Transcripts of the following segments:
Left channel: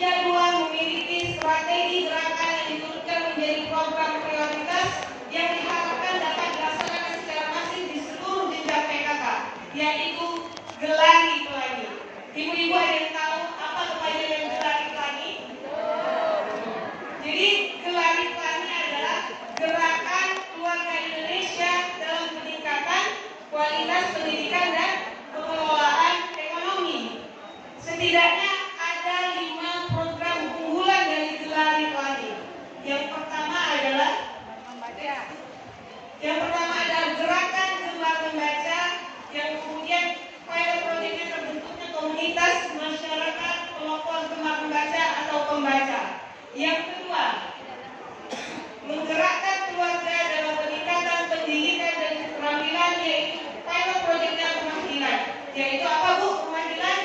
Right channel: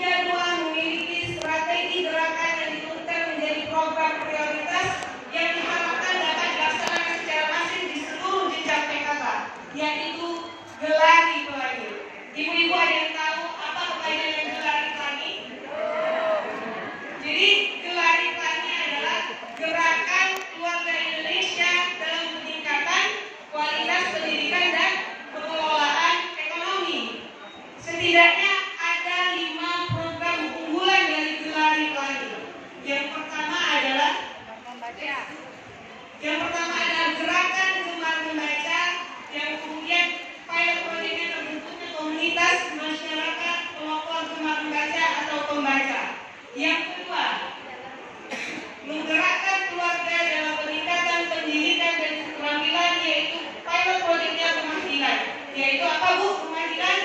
jadwal, memiliki strategi gerakan yang ditentukan menjadi program prioritas yang diharapkan dapat dilaksanakan secara masif di seluruh jenjang PKK, yaitu Gelari Pelangi. Ibu-ibu ada yang tahu apa kepanjangan Gelari Pelangi? Jadi Gelari Pelangi adalah Gerakan Keluarga Indonesia dalam Peningkatan Kualitas Pendidikan dan Pengelolaan Ekonomi. Setidaknya ada 5 program unggulan dari Gelari Pelangi. Yang pertama adalah Gerakan Gemar Membaca, yang kemudian pilot projectnya terbentuknya komunitas masyarakat pelopor gemar membaca atau pembaca. Yang kedua, menggerakkan keluarga dalam peningkatan pendidikan dan keterampilan, yaitu pilot projectnya Kemahdilan. Yaitu apa Bu? Kemahdilan,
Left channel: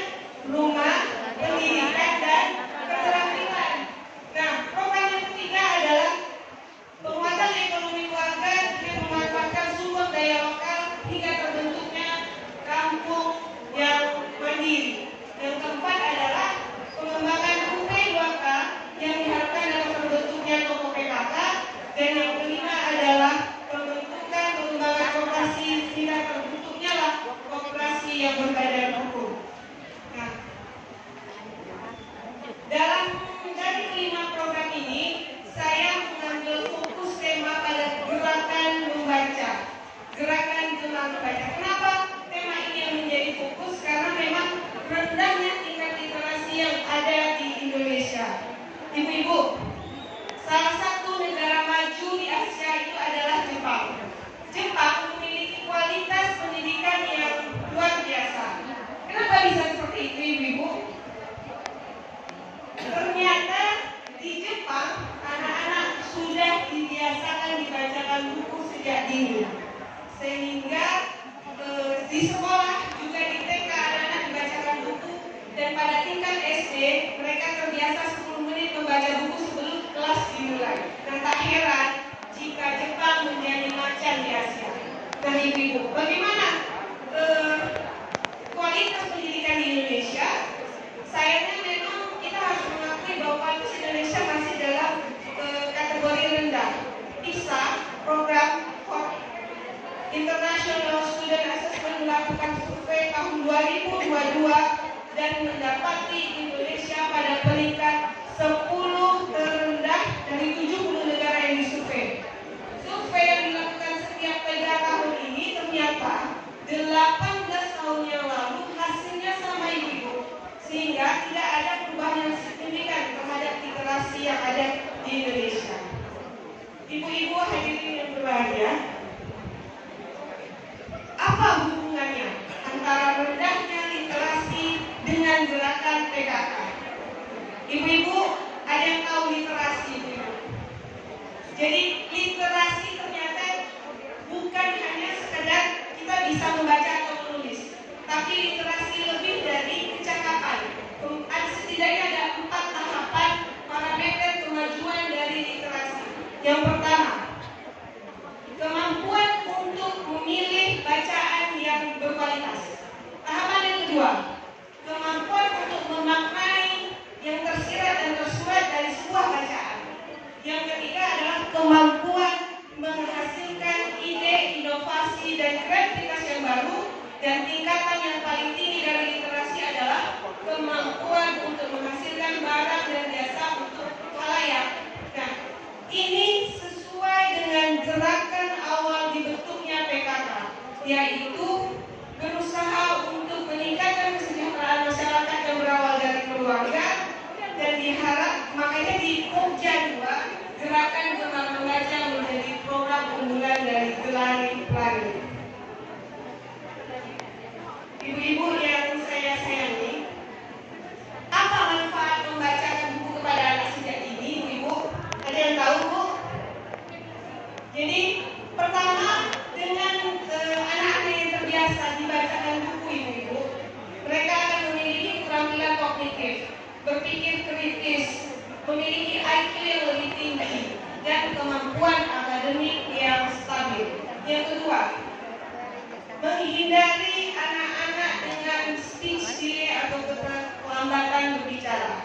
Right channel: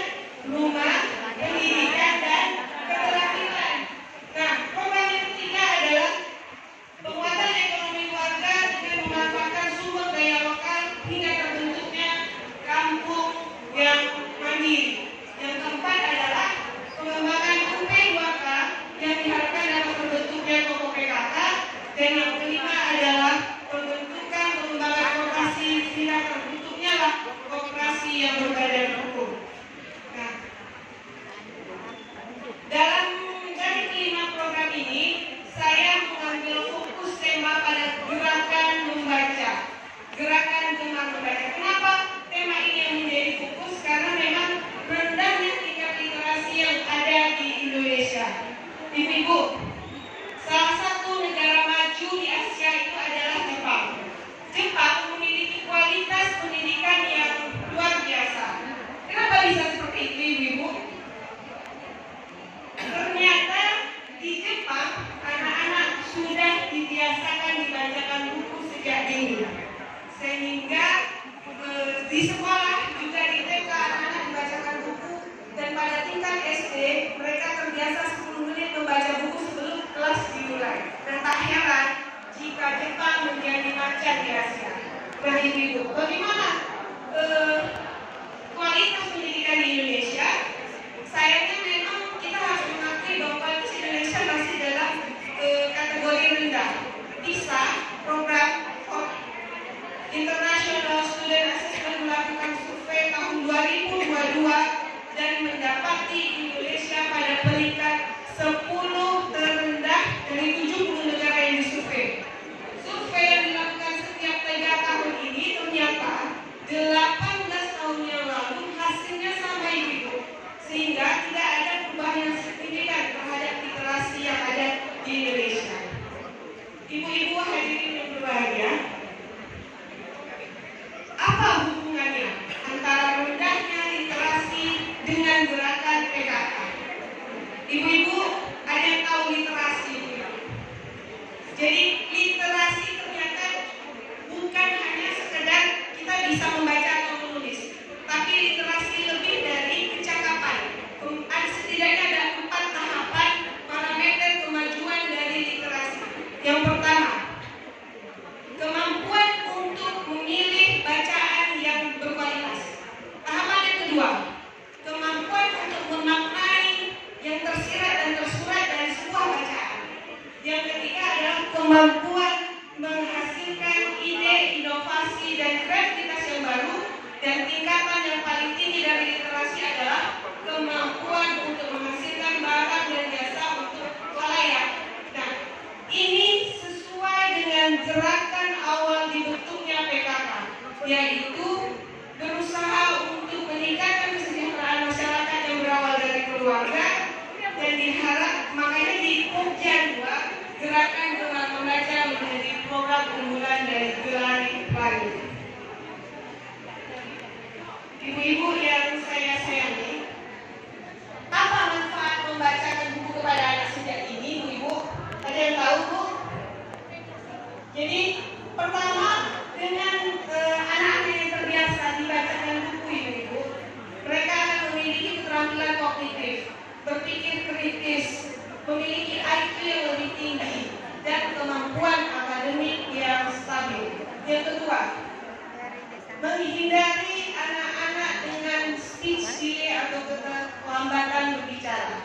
rumah, pendidikan, dan keterampilan. Nah, program yang ketiga adalah penguatan ekonomi keluarga dengan memanfaatkan sumber daya lokal hingga terbentuknya kampung yang mandiri. Yang keempat adalah pengembangan UP2K yang diharapkan dalam terbentuknya toko PKK. Dan yang kelima adalah pembentukan pengembangan koperasi hingga terbentuknya lah koperasi yang berbadan hukum. Nah, dari kelima program ini, saya mengambil fokus tema pada gerakan membaca, gerakan gemar membaca. Kenapa tema ini yang menjadi fokus? Karena memang rendahnya tingkat literasi yang ada di Indonesia. Ibu-ibu, salah satu negara maju di Asia itu adalah Jepang. Jepang memiliki kualitas pendidikan yang luar biasa. Kenapa bisa seperti itu, ibu-ibu? Ternyata di Jepang anak-anak sudah dibiasakan dibacakan buku sejak dini, sehingga di sekolah juga di TK anak-anak dibacakan buku, dan pada tingkat SD mereka terbiasa 10 menit membaca buku sebelum kelas dimulai. Dan tak heran jika Jepang menjadi macan di Asia. Nah ibu-ibu, bagaimana kualitas pendidikan di Indonesia? Sayangnya memang kita harus mengakui bahwa kualitas Indonesia masih dalam kategori rendah. PISA, program International Student Assessment, melakukan survei tahun 2022 dan mendapati Indonesia pada peringkat 10 terendah dari 70 negara yang disurvei. Survei yang dilakukan setiap 3 tahun ini ternyata 18 tahun yang lalu hasilnya sama ibu, sehingga tidak ada perubahan yang signifikan terhadap literasi yang ada di Indonesia. Ibu-ibu hadirin yang berbahagia, apa hubungannya antara rendahnya literasi dengan gerakan PKK? Ibu-ibu ada yang tahu literasi? Jadi literasi ternyata bukan hanya sekedar kita bisa membaca atau menulis, tapi literasi lebih dari kecakapan. Setidaknya ada 4 tahapan parameter kemajuan dari literasi. Yang pertama, kemampuan untuk memilih bacaan yang berkualitas. Tahapan yang kedua, kemampuan untuk memaknai yang tersirat dan tersurat dari sebuah bacaan. Yang ketiga adalah kemampuan menghasilkan ide, inovasi, dan kreativitas yang baru. Dan tingkatan yang paling tinggi dari literasi adalah kemampuan untuk menghasilkan barang dan jasa untuk khalayak. Nah, ini sesuai dengan gerakan awal dibentuknya PKK, yaitu berusaha untuk meningkatkan kesejahteraan masyarakat yang berawal dari keluarga, dan diharap makanya di Pokja 2 gerakan gemar membaca menjadi program unggulan dari Gelari Pelangi. Ibu-ibu yang saya sayangi, apa manfaat membacakan buku kepada anak sejak dini, ibu? Ada yang tahu, Bu? Jadi pertama, dengan anak-anak yang terbiasa dibacakan buku, ibu, mereka akan memiliki keterampilan kognitif, berpikir kritis, memiliki IQ yang lebih tinggi, dan kemampuan akademik yang stabil. Yang kedua, menghindari anak-anak dengan speech delay atau keterlambatan berbicara,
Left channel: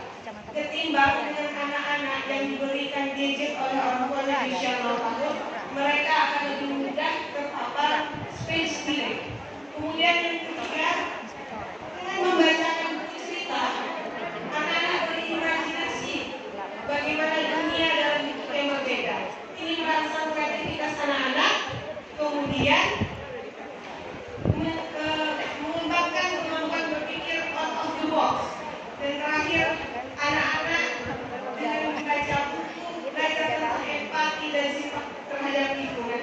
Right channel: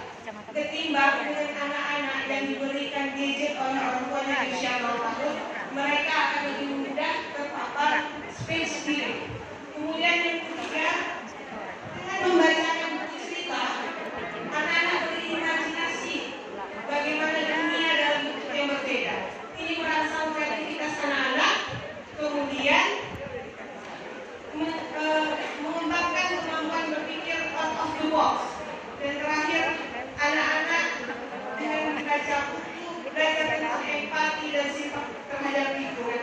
ketimbang dengan anak-anak yang diberikan gadget oleh orang tua di usia 0 tahun, mereka akan lebih mudah terpapar speech delay. Kemudian yang ketiga, dengan membacakan buku cerita, anak-anak berimajinasi bagaimana dunia dalam bentuk yang berbeda. Ini merangsang kreativitas anak-anak, kemudian mengembangkan kemampuan berpikir out of the box. Dan terakhir, anak-anak dengan membaca buku belajar tentang empati dan sifat terhadap lingkungan.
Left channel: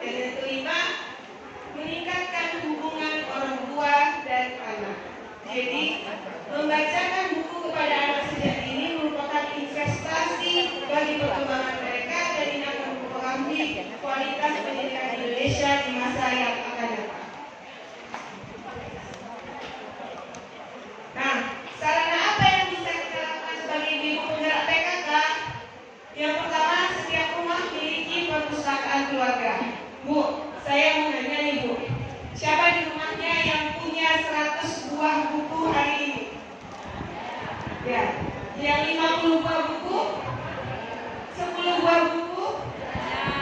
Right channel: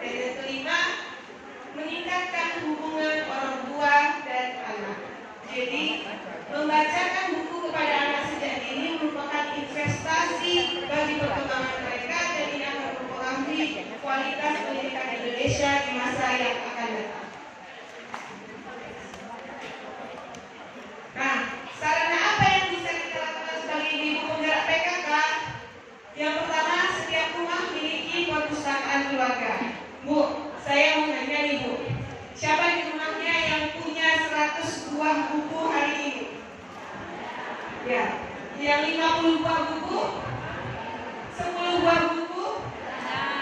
Dan yang kelima, meningkatkan hubungan orang tua dan anak. Jadi, membacakan buku kepada anak sejak dini merupakan investasi bagi perkembangan mereka dan ini akan mempengaruhi kualitas pendidikan Indonesia di masa yang akan datang. Nah, sarana apa yang bisa kita lakukan sebagai ibu penggerak PKK? Yang pertama, setiap rumah memiliki perpustakaan keluarga. Bu, saya mau nanya nih Bu, siapa di rumahnya yang punya 100 buah buku hari ini? Ya, yang 50 buah buku, 10 buah buku.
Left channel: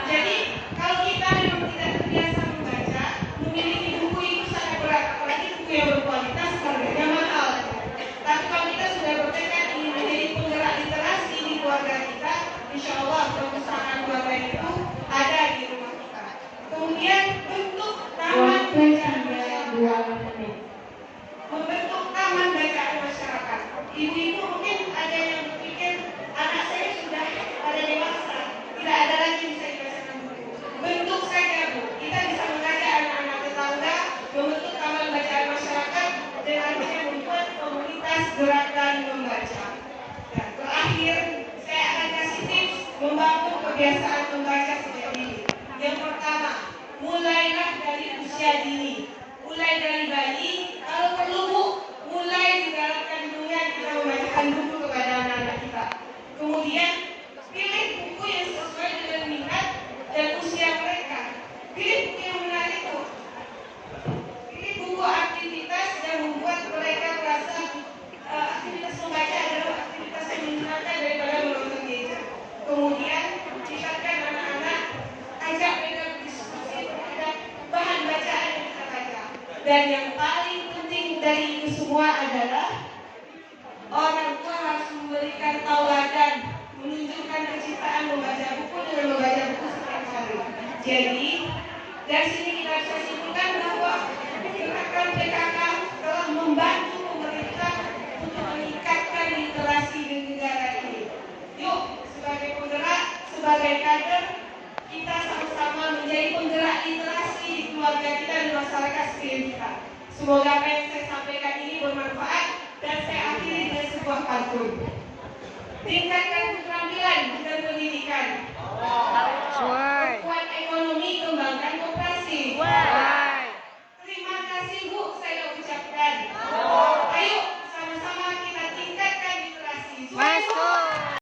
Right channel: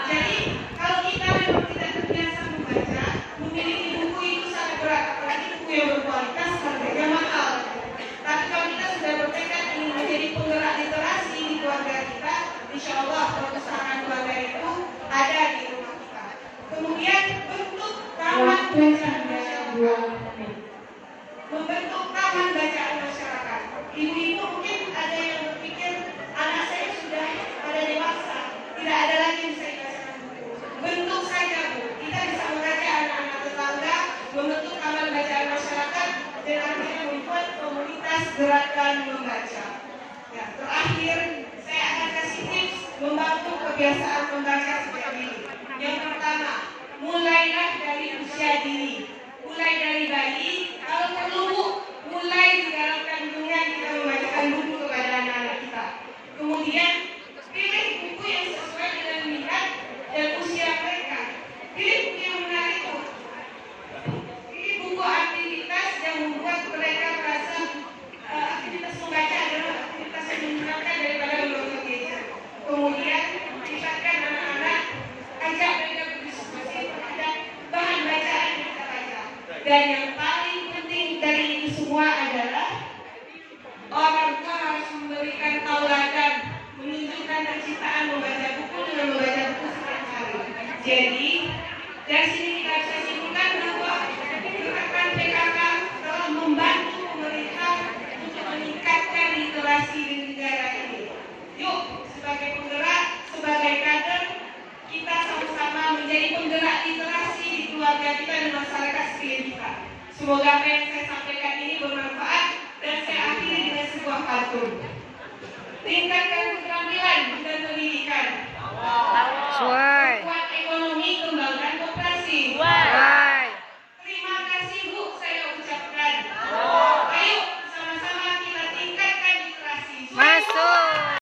Jadi, kalau kita memang tidak terbiasa membaca, memiliki buku itu sangat berat, apalagi buku yang berkualitas, harganya mahal. Tapi kalau kita sudah bertekad ingin menjadi penggerak literasi di keluarga kita, insya Allah perpustakaan keluarga itu ada di rumah kita. Kemudian bentuk taman bacaan masyarakat. Membentuk taman bacaan masyarakat. Ibu-ibu mungkin ada yang berpikir anak saya sudah pada dewasa, tidak ada lagi yang bisa dibacakan buku. Bentuk saja Bu, kita bisa mengajak anak-anak tetangga membentuk taman bacaan masyarakat dan akhirnya membuat komunitas gerakan membaca. Ya, terakhir saya akan kasih tips membangun kebiasaan membaca sejak dini. Yang pertama, mulailah dari usia dini. Mulai dari bayi, kalau perlu Bu, mulai di dalam kandungan kita membacakan buku kepada anak-anak kita. Kemudian pilih buku yang sesuai dengan minat dan usia mereka. Pilih buku yang menarik Bu. Pilih buku aktivitas yang membuat mereka merasa aktivitas membaca adalah aktivitas yang menyenangkan daripada membaca gadget. Kemudian tingkatkan anak-anak, ajak mereka berdiskusi terhadap bahan bacaan yang kita baca. Dan yang paling penting dari itu semua adalah orang tua harus memberikan tauladan, menunjukkan kecintaan membaca buku dengan membaca buku setiap hari. Jadi dari sini kita bisa simpulkan bahwa gerakan PKK telah membantu pemerintah untuk meningkatkan literasi di negara ini. Yuk, sebagai penggerak, sebagai kader, kita sama-sama menjadi penggerak literasi di keluarga kita dan masyarakat sekeliling kita. Semoga apa yang saya sampaikan ini bermanfaat dan saya akhiri dengan sebuah pantun. Tingkatkan keterampilan dan pendidikan. Perkuat ekonomi, kembangkan koperasi.